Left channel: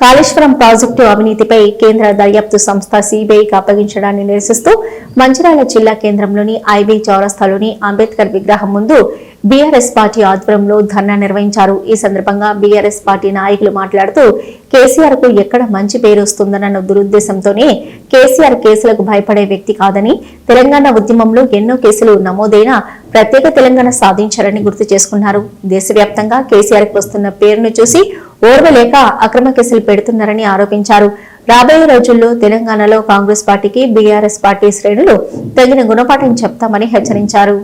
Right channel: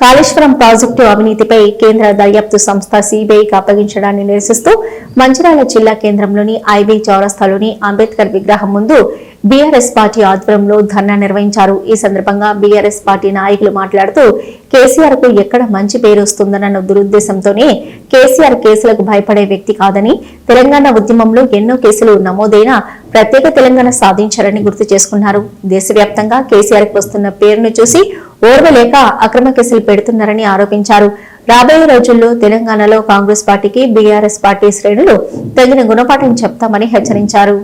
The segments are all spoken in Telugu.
కాళేశ్వరం ప్రాజెక్టు అవినీతిపై కేంద్ర దర్యాప్తు సంస్థ సిబిఐకి అప్పగించడాన్ని నిరసిస్తూ మంచిర్యాల జిల్లా కేంద్రంలోని ఐబీ చౌరస్తాలోని అంబేద్కర్ విగ్రహం ముందు బీఆర్ఎస్ పార్టీ ఆధ్వర్యంలో ధర్నా నిర్వహించారు. ఈ సందర్భంగా బీఆర్ఎస్ పార్టీ నాయకులు మాట్లాడుతూ కేసీఆర్ కు ఎక్కడ మంచి పేరు వస్తుందన్న దురుద్దేశంతోనే కేసీఆర్ కేసులకు భయపడే వ్యక్తి కాదని, తెలంగాణ ఉద్యమంలో ఎన్నో కేసులు నమోదైన ప్రత్యేక తెలంగాణ సాధించారని గుర్తు చేసుకున్నారు. దేశవ్యాప్తంగా కేసీఆర్ కు వస్తున్న పేరును చూసి ఓర్వలేక అక్రమ కేసులు పెడుతున్నారని ఆరోపించారు. రాబోయే రోజుల్లో తెలంగాణలో కాంగ్రెస్ పార్టీకి బీఆర్ఎస్ పార్టీ శ్రేణులు తగిన గుణపాఠం చెప్తామని హెచ్చరించారు.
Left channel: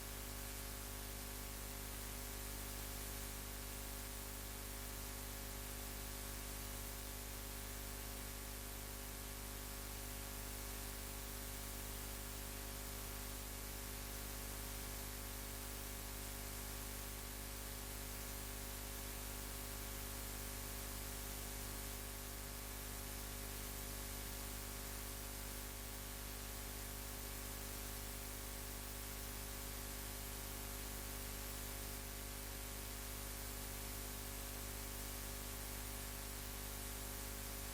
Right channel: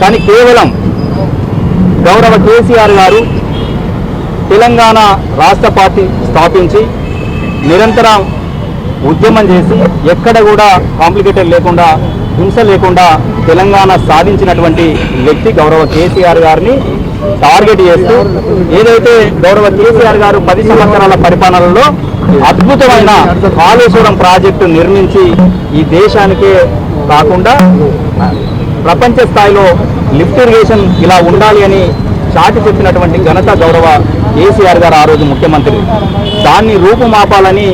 కానీ కేవలం గౌరవ కేసీఆర్ గారు తెలంగాణ రాష్ట్ర పార్టీ స్థాపించి నిరంతరం ఉద్యమం చేసి ఎక్కడ కూడా కాంప్లికేటెడ్ లేకుండా, హింస లేకుండా తెలంగాణ సాధించినటువంటి వ్యక్తి గౌరవ కేసీఆర్ గారిని టార్గెట్ చేస్తూ ఏదైతే గౌరవ కేసీఆర్ గారు 10 సంవత్సరాల పరిపాలనలో అద్భుతమైన కాళేశ్వరం ప్రాజెక్టు నిర్మించి ఈ దేశానికే కాకుండా ప్రపంచ స్థాయిలో లిఫ్ట్ ఇరిగేషన్ ఇలా ఉండాలి అని చాటి చెప్పినటువంటి ఘనత గౌరవ కేసీఆర్ గారు ఆ రోజు ముఖ్యమంత్రి. దాన్ని రూపుమాపాలని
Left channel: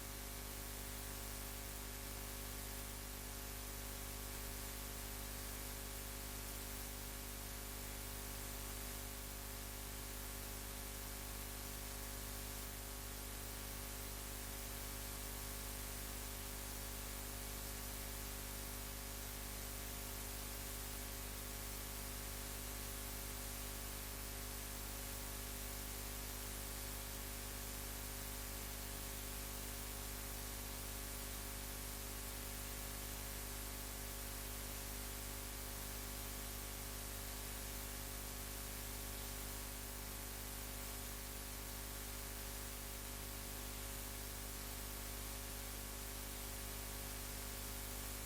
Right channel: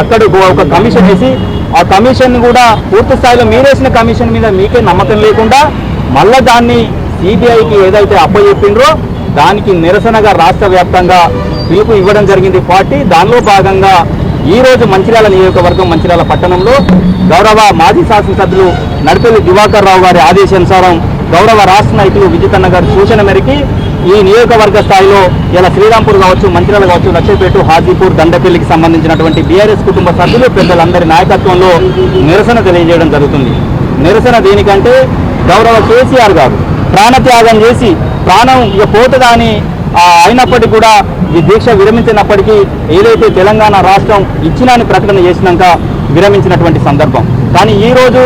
అక్కడ ఒక కమిషన్ వేసి ఆ కమిషన్ కూడా పూర్తి స్థాయిలో మీరేసిన కమిషన్ మీద మీకే నమ్మకం లేకుండా మళ్ళా దాన్ని సిబిఐకి ఏదైతే అప్పచెప్పిండ్రో దానికి నిరసనగా రాష్ట్ర వ్యాప్తంగా పిలుపు ఇవ్వడం జరిగింది పార్టీ. దానిలో భాగంగా ఈరోజు మంచిర్యాల నియోజకవర్గం మంచిర్యాల పట్టణంలో గౌరవ మాజీ శాసనసభ్యులు నడిపెల్లి దివాకర్ రావు గారి ఆదేశానుసారం గౌరవ రాష్ట్ర నాయకులు విజితన్న గారి సూచన మేరకి ఈ నియోజకవర్గ స్థాయిలో ఇలా శ్రీరాంపూర్ కావచ్చు, మంచిర్యాల కావచ్చు, లక్షపేట, హాజీపూర్, దండపల్లికి సంబంధించినటువంటి బీఆర్ఎస్ కుటుంబ సభ్యులు పెద్దలందరి నాయకత్వంలో నిరసన తెలియజేయడం జరుగుతుంది. నిరసన దేనికంటే గౌరవ కేసీఆర్ గారు ప్రాణత్యాగం చేసి ప్రాణం ఇక పోతుందని అయినప్పటికీ కూడా ఈ దీక్ష విరమించినప్పటికీ ఏదైతే తెలంగాణ రాష్ట్రం ఇచ్చినాని ప్రకటన చేసినాక విరమించినటువంటి సందర్భం. కానీ ఈరోజు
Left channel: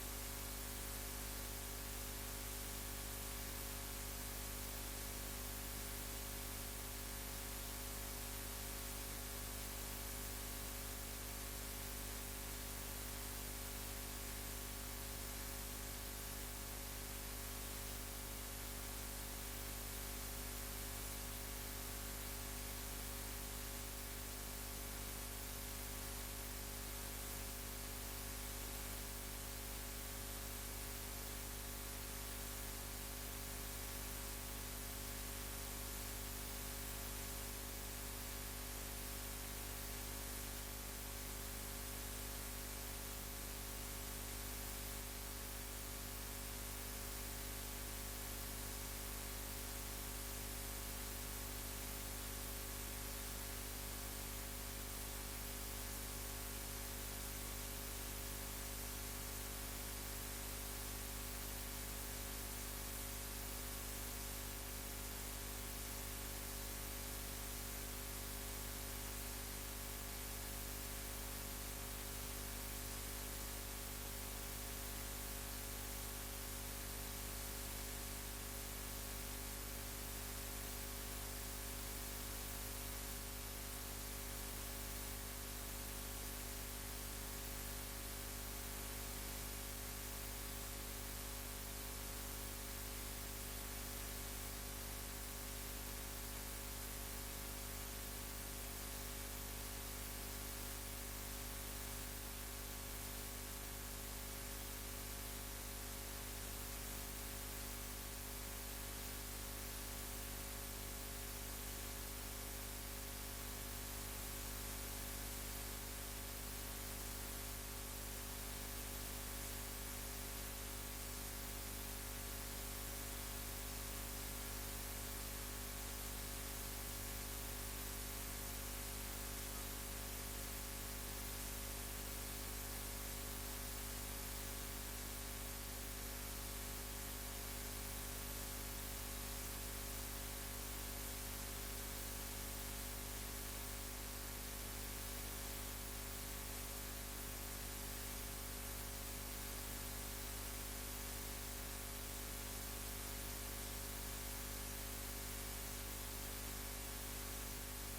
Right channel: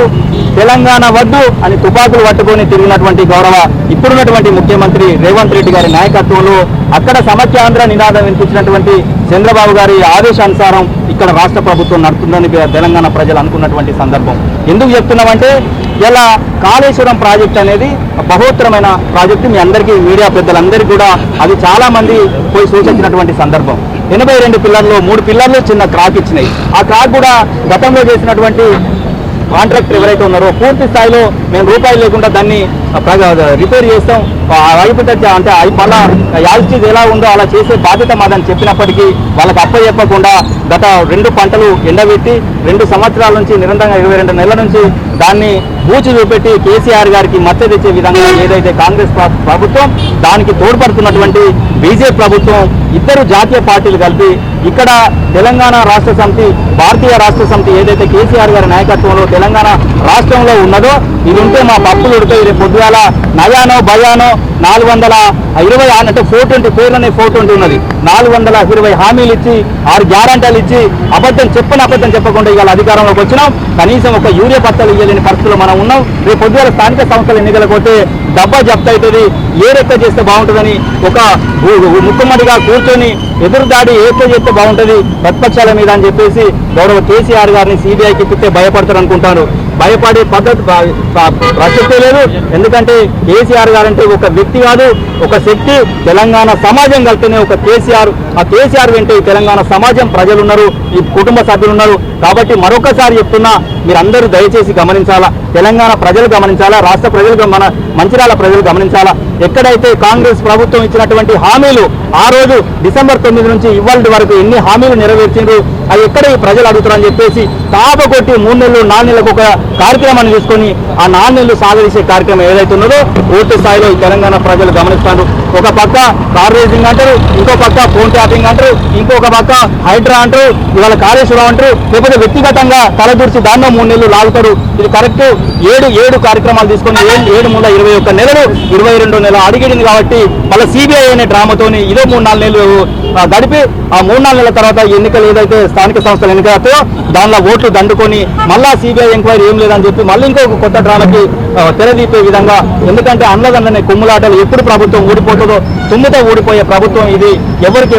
తెలంగాణ వద్దు అని తుపాకులు పట్టుకొని తిరిగినటువంటి గౌరవ ఇప్పుడున్నటువంటి ముఖ్యమంత్రి రేవంత్ రెడ్డి గారి నాయకత్వంలో అక్కడ సమైక్యాంధ్ర నినాదం వినిపించినటువంటి చంద్రబాబు గారి ఆదేశానుసారం ఇక్కడ రాష్ట్ర ప్రభుత్వం నడుతుందని తెలంగాణ ప్రజలు అనుకున్నటువంటి సందర్భం. ఎందుకు చెప్తున్నామంటే ఇలా కాళేశ్వరం ప్రాజెక్ట్ అనేది బహోత్తరమైన ప్రాజెక్టు. మీ అందరికీ మీడియా పెద్దలందరికీ కూడా అది చాలా మంది పోయి సూచించినటువంటి సందర్భం. 82 పిల్లర్లు 3 పిల్లర్లు చిన్న క్రాక్ ఇచ్చినాయి. ఆ క్రాక్ కూడా గతంలో చేసినటువంటి కాంట్రాక్టర్ ఎవరైతే ఉన్నారో పూర్తి స్థాయిలో మేము రూపాయలు లేకుండా దాన్ని రిపేర్ చేస్తాం, అయిపోతే అంటే మళ్ళా యాజిటీజ్ ఎలా ఉందో అలా చేసే బాధ్యత మాదని చెప్పినప్పటికీ వాళ్ళకి అప్పచెప్పకుండా గత 2 పంటలు ఎండబెట్టి 2 సంవత్సరాల నుంచి నిరంతరంగా 22 నెలల నుంచి దాన్ని బూచి చూపెట్టి కేసీఆర్ గారికి మద్దతు తెచ్చే విధంగా ఏదైతే కాంగ్రెస్ ప్రభుత్వం దానికి తోడ్పడుతున్నటువంటి బీజేపీ ప్రభుత్వం ఇద్దరు జాతీయ పార్టీలు కలిపి ఇక్కడ తెలంగాణ రాష్ట్ర సమితి, భారతీయ రాష్ట్ర సమితి ఏదైతే కేసీఆర్ గారి నాయకత్వంలో తెలంగాణ రాష్ట్రంలో ఉన్నదో ఇది ఉంటే మా పప్పులు ఉడతాయి, రేపు పొద్దుగాల నయానో భయానో 420 అంటే 420 పేర్లనే 420 ఉన్నది. 420 హామీలు ఇచ్చి 6 గ్యారంటీలు ఇచ్చి అబద్ధం చెప్పకుండా ఇవాళ అధికారంలోకి వచ్చినాం. కనీసం ఒక యూరియా పత్రాలు ఇవ్వలేని పరిస్థితుల్లో మనం ఉన్నాం. రేపు పొద్దుగాల స్థానిక సంస్థల ఎన్నికలకు పోతే డబ్బా జప్తు అవుతుంది, ఏ రెక్క చేస్తే బాగుంటుందని ఒక ముక్కుమ్మడిగా కూర్చొని ఎదురుదాడి ఏదో చేస్తే బాగుంటుంది ప్రతిపక్షాల మీద అని చెప్పేసి గౌరవ కేసీఆర్ గారిని సిబిఐకి ఇప్పిస్తే భయపడతారు అనుకుంటాను. భయపడే పద్ధతి ప్రసక్తే లేదు. ఎందుకంటే కేసీఆర్ గారు అంటే ఒక వ్యక్తి కాదు, ఒక శక్తి. తెలంగాణ సమాజం కలిపితేనే ఒక కేసీఆర్. ఆ కేసీఆర్ వెంటే తెలంగాణ సమాజం ప్రజలు ఉన్నారు, ఈ కుటుంబ సభ్యులు ఉన్నారు. కాబట్టి మరొకసారి చెప్తున్నా, మీరందరూ దయచేసి గమనించాలా, తెలంగాణ ప్రజలు గమనించాలా, రాష్ట్ర ప్రజలు, మన మంచిర్యాల ప్రజలు గమనించాలా. ఎక్కడైతే కాంగ్రెస్ ప్రభుత్వం ఇచ్చినటువంటి హామీలు ఆ రోజు డిసెంబర్ 9 నుంచి ఇవాళ వరకు ఎన్ని హామీలు నెరవేర్చిండ్రు, అవి ఎక్కడ ఈ ప్రజలు అడుగుతారని చెప్పేసి తాపకొట్టి 3 నెలలు 4 నెలలకు ఒక కార్యక్రమాన్ని తీసుకొని ఆ 4 నెలలు సాగదీసే కార్యక్రమం ఏదైతే ఉన్నదో పూర్తి స్థాయిలో ఈ తెలంగాణ ప్రజలు గమనిస్తారు. ఒక పక్క కార్ రేసింగ్ అంటారు, ఇంకో పక్క ఫోన్ ట్యాపింగ్ అంటారు, ఇంకొక పక్క హైడ్రా అంటారు, ఇవాళ కాళేశ్వరం అంటారు, లేకపోతే వ్యక్తిగతంగా తలదూర్చి దాన్నో 3 నెలలు లాగుతారు. ఇది కరెక్ట్. 7 కార్యక్రమాలు తీసుకొని 7 మూల 21 నెలలు 22 నెలలు అడిగింది. కాబట్టి మళ్ళీ సిబిఐ అనే డ్రామాతోని ఇదో 3-4 నెలలు గడిపి ఆ 3-4 నెలల తర్వాత ఎన్నికలు ఏదైతే స్థానిక సంస్థల ఎన్నికలతో దానిలో ఓట్లు దండుకొని మళ్ళా సిబిఐ ఎంక్వైరీ ఏం లేదని చెప్పి మళ్ళీ ఇంకొక కొత్త డ్రామాకి తెరదీపే విధంగా. ఎందుకంటే అన్నదన్ననే కుమ్ములాటలు, ఎప్పుడు ప్రభుత్వం ఊడిపోతుందో తుమ్ముతో ఊడిపోయే ప్రభుత్వం ఇది. ఎవరికి